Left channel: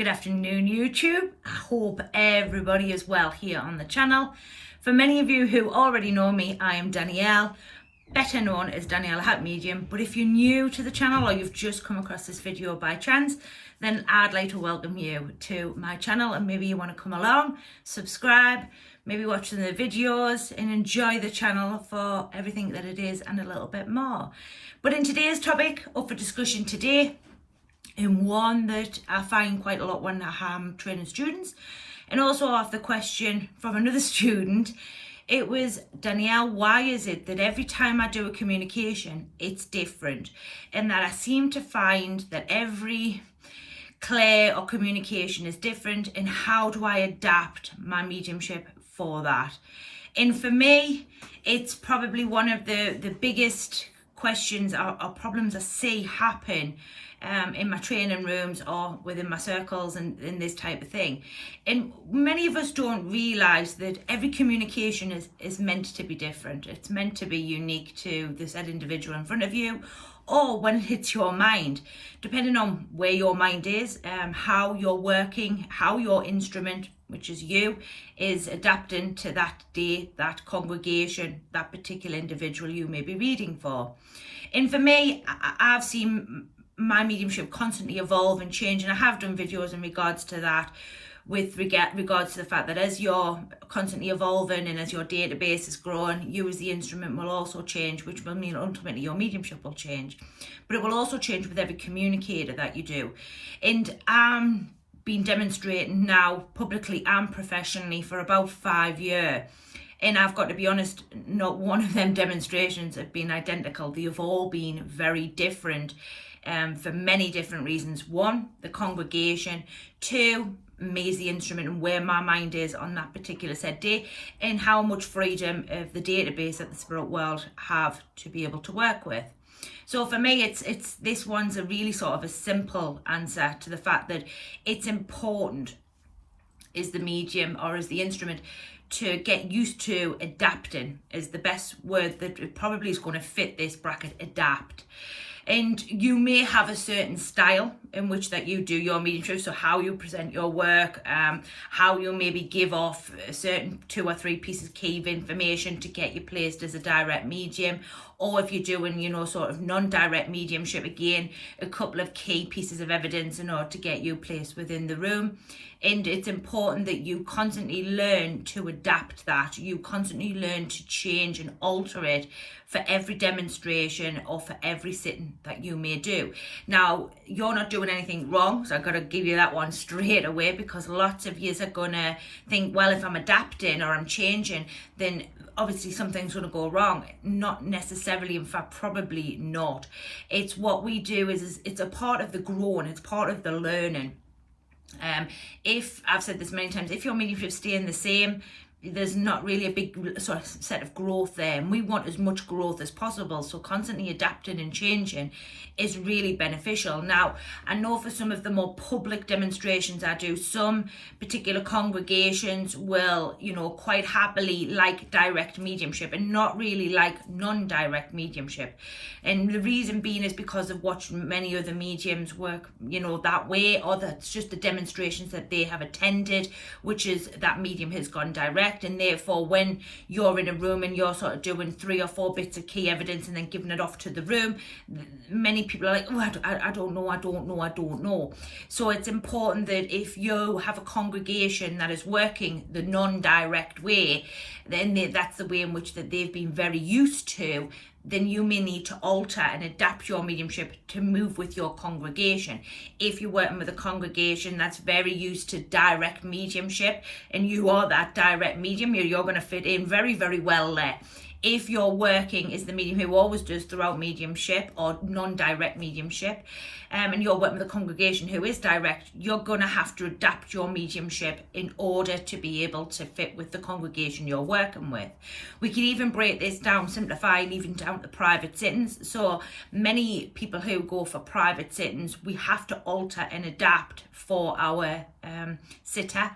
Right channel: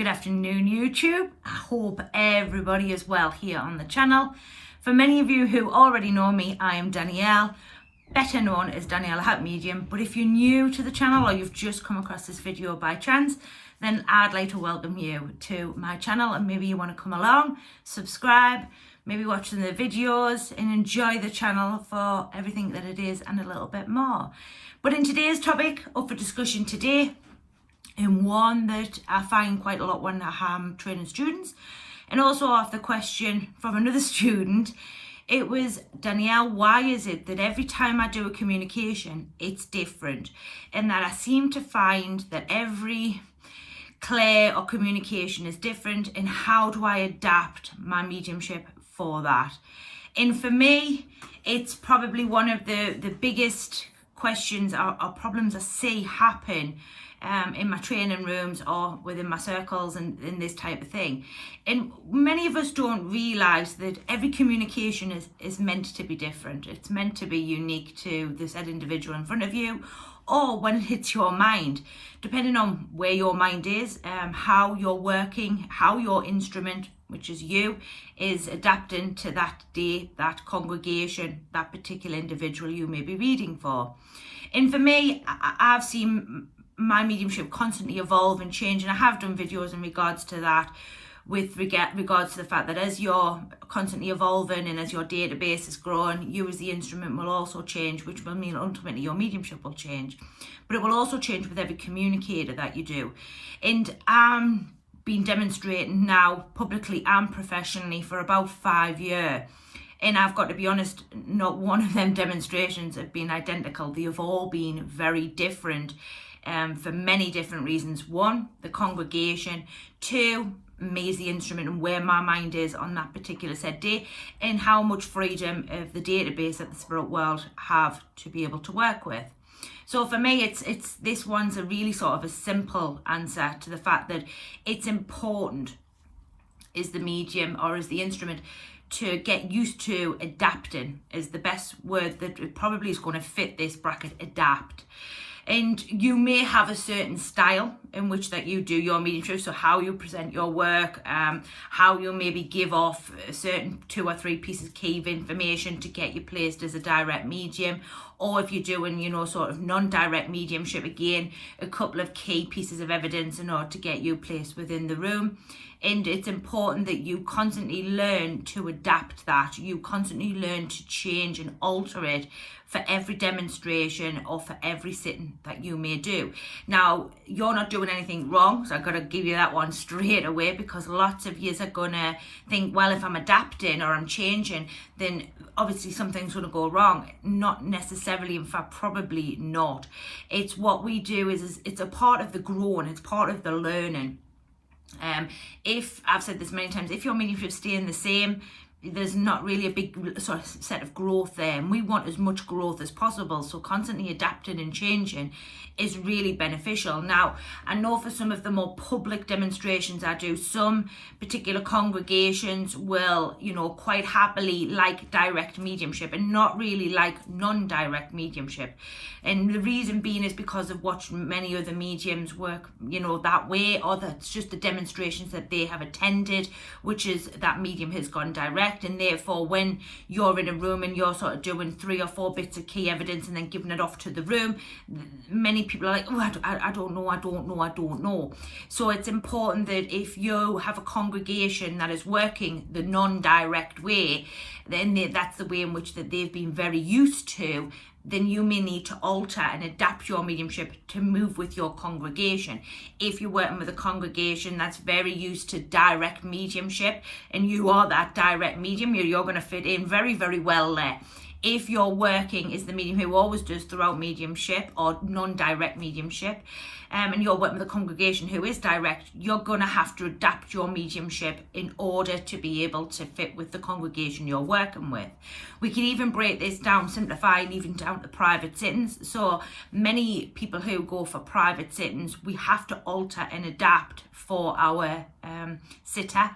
Good afternoon, YouTube. I hope everybody is well here on the channel. For many of you who already know me, I am Danielle, better known as Danielle at Medium. But if you're new to the channel or you've just come across this video by chance, then I'd like to welcome you to my channel, and maybe you want to come along, subscribe, maybe watch the videos and enjoy the channel for everything that it is and a little bit more. But in today's topic, up for discussion today, and one that I find quite a lot when I'm training students, and also off the question from another student, it was, Danielle, why is it that every time I do a communication, it's different? And that I seem to find that every clay or communication is different, and how do I adapt my mediumship for that? And for me, it's probably one of the biggest questions or problems I see happen in my training rooms or within my circles and this type of thing. And many of us don't realise that every communication is meant to be different. It's meant to be unique to the said individual in front of you, or when it hits your mind, depending on where your mind is, how you're working, how your instrument, which is you, is adapting to that day, that congregation, that particular individual you may be reading for. And for me, I've seen my mediumship constantly evolve and change, and I have done videos in regards to that, with regards to the fact that as you're constantly evolving and as your database is growing, you as the instrument will also change, which will mean ultimately your mediumship will change. But it will also change with every communicator that you do. And I'm been demonstrating now publicly and professionally for about 5 years. And I've got to be honest, not one of them demonstrations have been identical. They have all been very different for many different reasons. One, the congregation. Two, me as the instrument and where my mind is on that particular said day, and how much freedom of the database that the spirit world have to be able to work with. So for me, it's this one's a really sort of a simple answer to the fact that it's important as the medium or as the instrument to get used to adapting, is the best word that probably is going to fit this bracket, adapt. And you may have a certain style in which that you do your mediumship, so how you present your work, how you maybe give off a certain 2 or 3 pieces key of information to get you placed as a direct medium, or if you're doing, sort of non-direct mediumship, again, a couple of key pieces of evidence in order to get you placed within the room. And it's important that you constantly learn to adapt that. You constantly learn to change and alter it for every demonstration or for every sitting that you may do. Now, you're not doing anything wrong, so I've got to give you that one straight away, because lots of you are going to think, well, if I'm adapting or I'm changing, then obviously something's going to go wrong. Not necessarily, in fact, probably not. It's what we do is it's a part of the growing, it's part of the learning. If I've said this many times, if your mediumship staying the same, there's not really a big sort of set of growth there, and we want as much growth as possible, so constantly adapting and changing is really beneficial. Now, I know for some of the more public demonstrations I do, some particular congregations will, quite happily like direct mediumship and not really like non-direct mediumship. And the reason being is because I've watched many other mediums work, that way, or that's just the demonstrations that they have attended, which is that medium has gone direct. And therefore, when you're in a room and you're sort of doing 3 or 4 bits of key evidence and then giving it off to the room, many people are like, oh, I don't know. So it's important that if you have a congregation that is working the non-direct way, then that's the way in which that they've been very used to, then you may need to alter and adapt your mediumship to move with your congregation. If you're working with a congregation that's very used to direct mediumship and you are that direct medium, you're going to fit in very, very well there. If you're working as the medium who always does throughout mediumship or non-direct mediumship, and you're working with a congregation who is direct, you're going to have to adapt your mediumship in order to be able to fit with the congregation you're working with. We can even break this down, simplifying even down to private sittings. So many people who go for private sittings, we have to alter and adapt for our sitter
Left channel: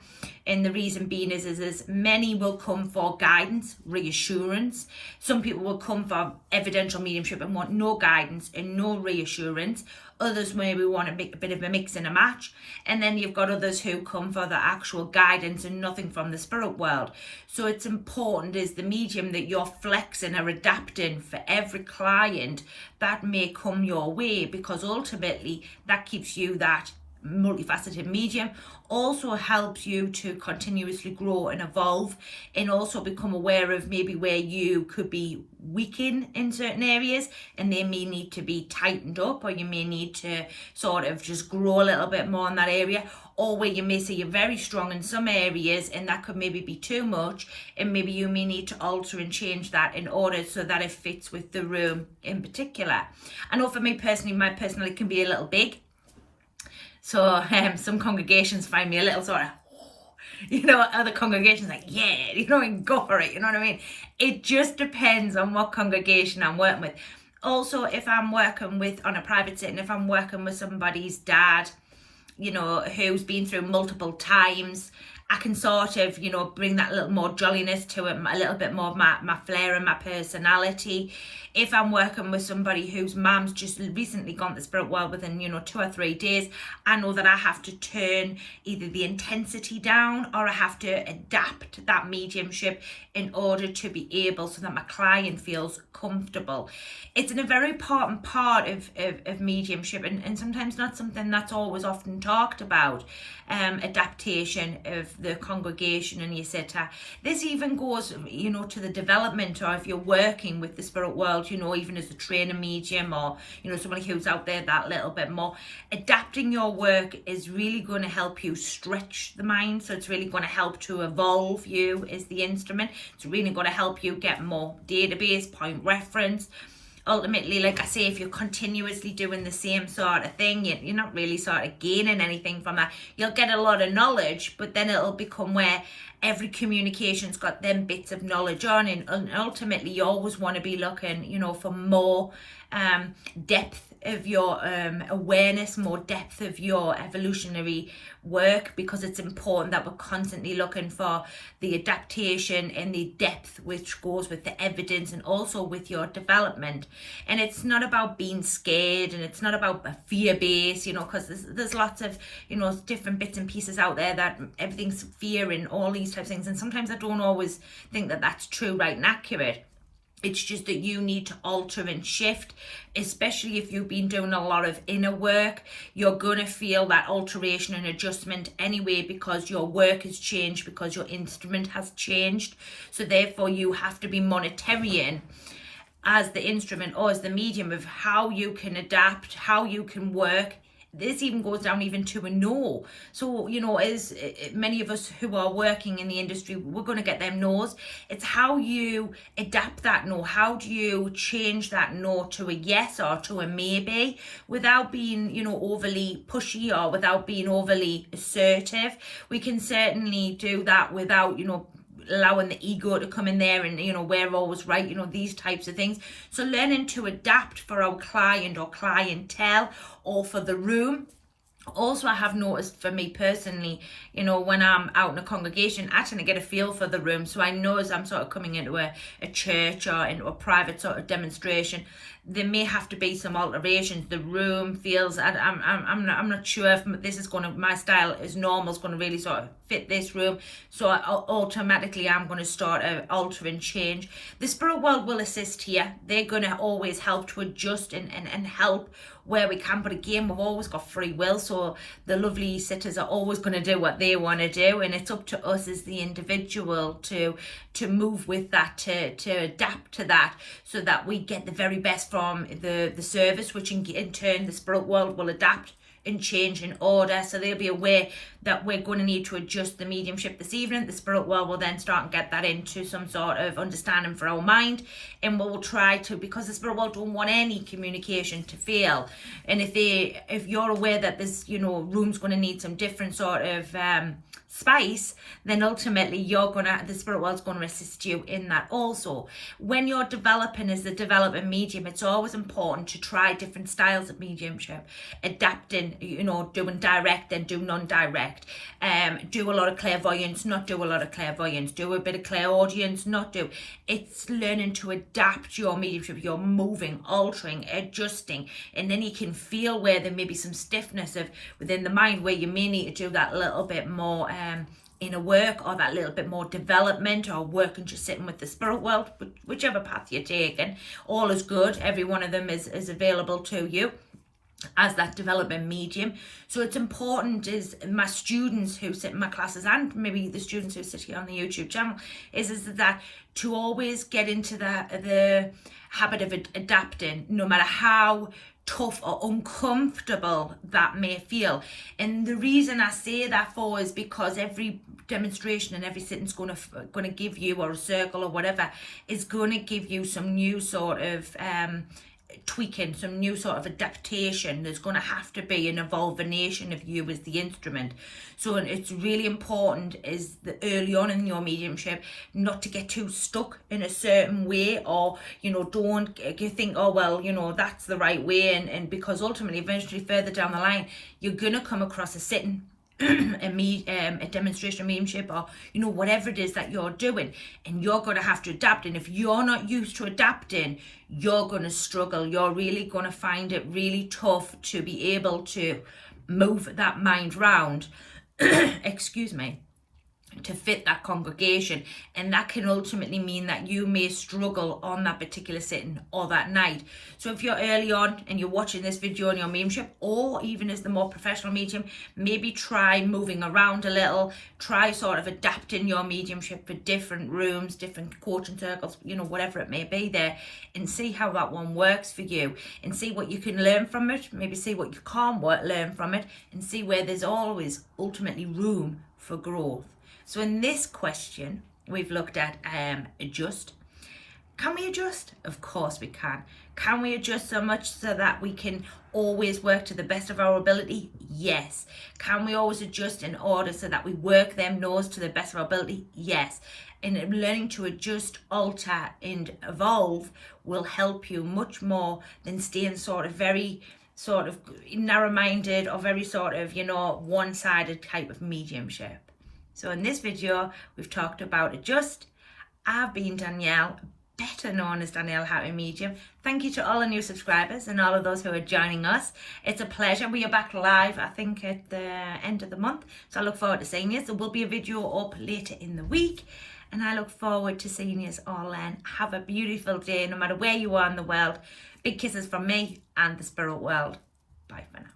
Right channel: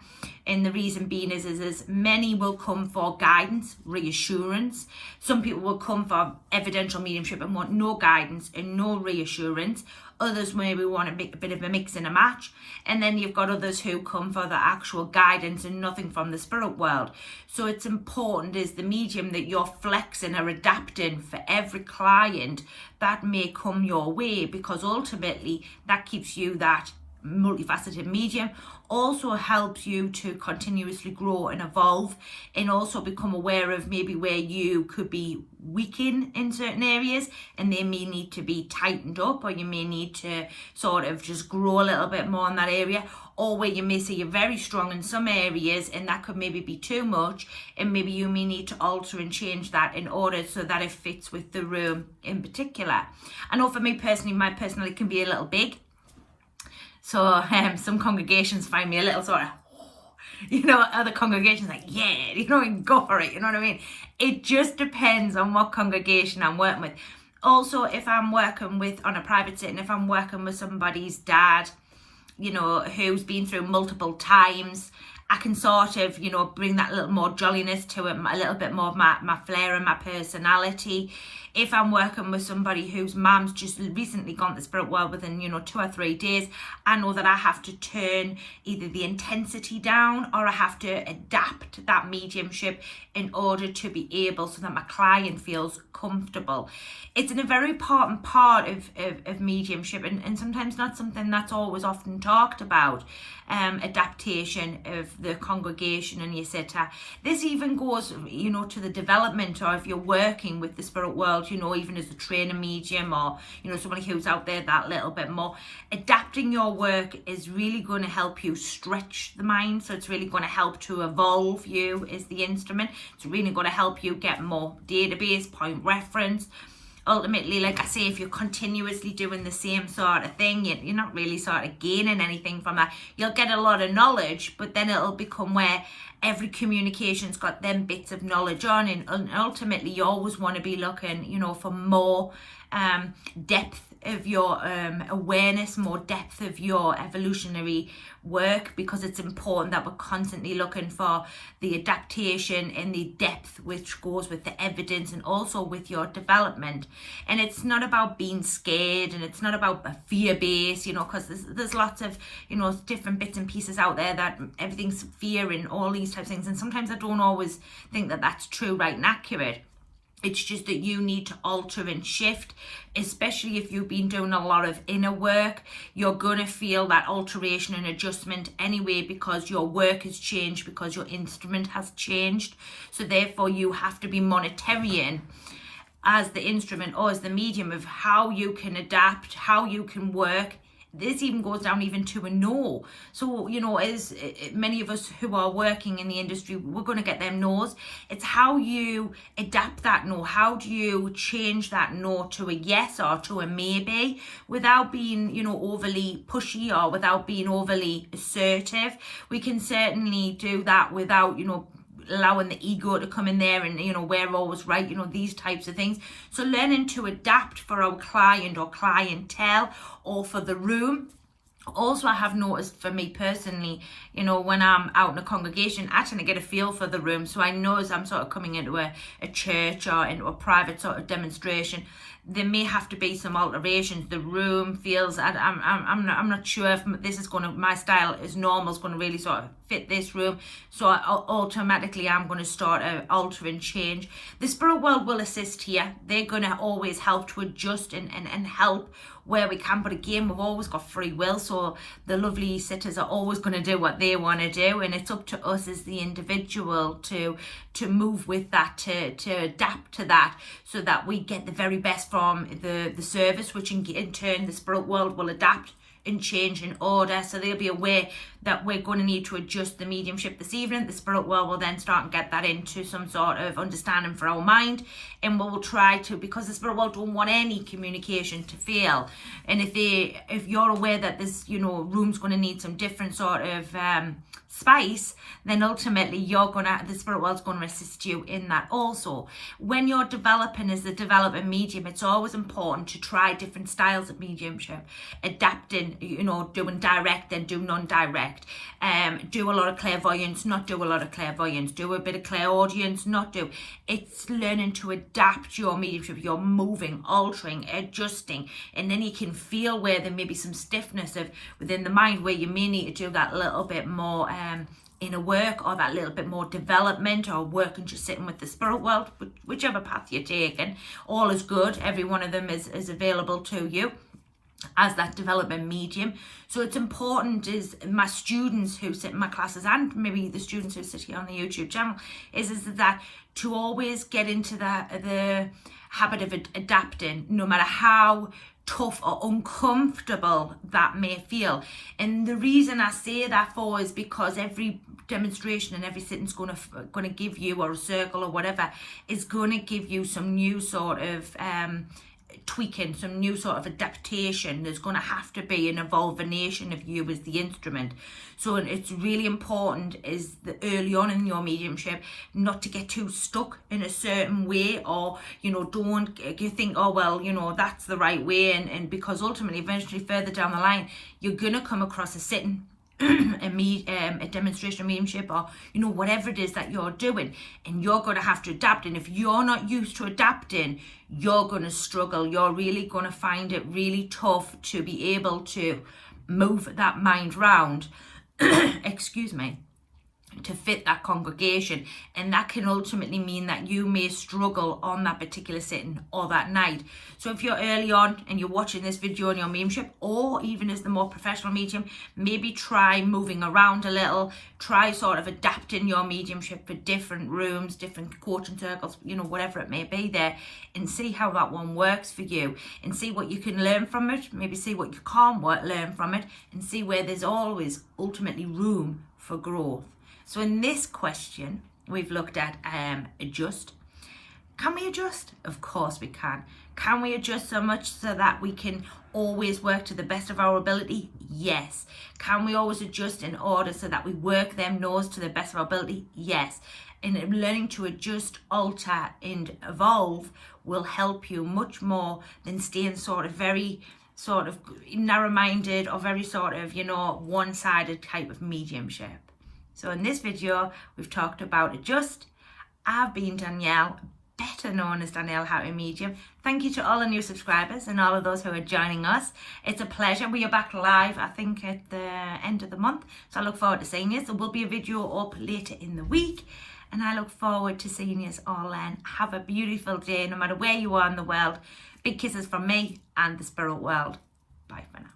And the reason being is many will come for guidance, reassurance. Some people will come for evidential mediumship and want no guidance and no reassurance. Others maybe want a bit of a mix and a match. And then you've got others who come for the actual guidance and nothing from the spirit world. So it's important as the medium that you're flexing or adapting for every client that may come your way, because ultimately that keeps you that multifaceted medium, also helps you to continuously grow and evolve, and also become aware of maybe where you could be weakened in certain areas and they may need to be tightened up, or you may need to sort of just grow a little bit more in that area, or where you may say you're very strong in some areas and that could maybe be too much, and maybe you may need to alter and change that in order so that it fits with the room in particular. I know for me personally, my personality can be a little big. So some congregations find me a little sort of, other congregations like, yeah, and go for it, you know what I mean? It just depends on what congregation I'm working with. Also, if I'm working with, on a private setting, if I'm working with somebody's dad, who's been through multiple times, I can sort of, bring that little more jolliness to it, a little bit more of my flair and my personality. If I'm working with somebody whose mum's just recently gone to the spirit world within, 2 or 3 days, I know that I have to turn either the intensity down or I have to adapt that mediumship in order to be able so that my client feels comfortable. It's a very important part of mediumship, and sometimes not something that's always often talked about, adaptation of the congregation and your sitter. This even goes, to the development, or if you're working with the spirit world, even as a trainer medium, or, somebody who's out there that little bit more, adapting your work is really going to help you stretch the mind. So it's really going to help to evolve you as the instrument. It's really going to help you get more database, point reference. Ultimately, like I say, if you're continuously doing the same sort of thing, you're not really sort of gaining anything from that. You'll get a lot of knowledge, but then it'll become where every communication's got them bits of knowledge on, and ultimately you always want to be looking, for more depth of your awareness, more depth of your evolutionary work, because it's important that we're constantly looking for the adaptation and the depth which goes with the evidence and also with your development. And it's not about being scared, and it's not about a fear base, because there's lots of different bits and pieces out there that everything's fear and all these types of things, and sometimes I don't always think that that's true, right, and accurate. It's just that you need to alter and shift, especially if you've been doing a lot of inner work. You're going to feel that alteration and adjustment anyway, because your work has changed, because your instrument has changed. So therefore you have to be monitoring as the instrument or as the medium of how you can adapt, how you can work. This even goes down even to a no. So, as many of us who are working in the industry, we're going to get them no's. It's how you adapt that no. How do you change that no to a yes or to a maybe without being, overly pushy or without being overly assertive? We can certainly do that without, allowing the ego to come in there and we're always right, these types of things. So learning to adapt for our client or clientele or for the room. Also, I have noticed for me personally, when I'm out in a congregation, I tend to get a feel for the room. So I know as I'm sort of coming into a church or into a private sort of demonstration, there may have to be some alterations. The room feels, I'm not sure if this is going to, my style is normal, is going to really sort of fit this room. So automatically I'm going to start to alter and change. The spirit world will assist here. They're going to always help to adjust and help where we can, but again, we've always got free will, so the lovely sitters are always going to do what they want to do, and it's up to us as the individual to move with that, to adapt to that, so that we get the very best from the service, which in turn the spirit world will adapt and change in order. So they'll be aware that we're going to need to adjust the mediumship this evening. The spirit world will then start and get that into some sort of understanding for our mind, and we'll try to, because the spirit world don't want any communication to fail. And if you're aware that this room's going to need some different sort of spice, then ultimately the spirit world's going to assist you in that also. When you're developing as a developing medium, it's always important to try different styles of mediumship, adapting doing, doing direct, then do non-direct. Do a lot of clairvoyance, not do a lot of clairvoyance. Do a bit of clairaudience, not do. It's learning to adapt your mediumship. You're moving, altering, adjusting, and then you can feel where there may be some stiffness within the mind, where you may need to do that little bit more inner work, or that little bit more development, or work and just sitting with the spirit world. Whichever path you're taking, all is good. Every one of them is available to you as that development medium. So it's important, is my students who sit in my classes, and maybe the students who sit here on the YouTube channel, is that to always get into the habit of adapting, no matter how tough or uncomfortable that may feel. And the reason I say that for is because every demonstration and every sitting's going to give you, or a circle or whatever, is going to give you some new sort of tweaking, some new sort of adaptation. There's going to have to be an evolution of you as the instrument. So it's really important, is that early on in your mediumship, not to get too stuck in a certain way, or don't think, oh well, that's the right way, and because ultimately eventually further down the line you're gonna come across a sitting a demonstration mediumship, or whatever it is that you're doing, and you're going to have to adapt. And if you're not used to adapting, you're going to struggle. You're really going to find it really tough to be able to move that mind round excuse me, to fit that congregation. And that can ultimately mean that you may struggle on that particular sitting or that night. So if you're early on and you're watching this video on your mediumship, or even as the more professional medium, maybe try moving around a little, try sort of adapting your mediumship for different rooms, different coaching circles, whatever it may be there, and see how that one works for you, and see what you can learn from it, maybe see what you can't learn from it, and see where there's always ultimately room for growth. So in this question, we've looked at adjust. Can we adjust? Of course we can. Can we adjust so much so that we can always work to the best of our ability? Yes. Can we always adjust in order so that we work them no's to the best of our ability? Yes. And learning to adjust, alter, and evolve will help you much more than staying very narrow-minded, or very one-sided type of mediumship. So in this video, we've talked about adjust. I've been Danielle, better known as Danielle Happy Medium. Thank you to all the new subscribers and all of those who are joining us. It's a pleasure. We are back live, I think, at the end of the month. So I look forward to seeing you. There will be a video up later in the week. And I look forward to seeing you all then. Have a beautiful day, no matter where you are in the world. Big kisses from me and the spirit world. Bye for now.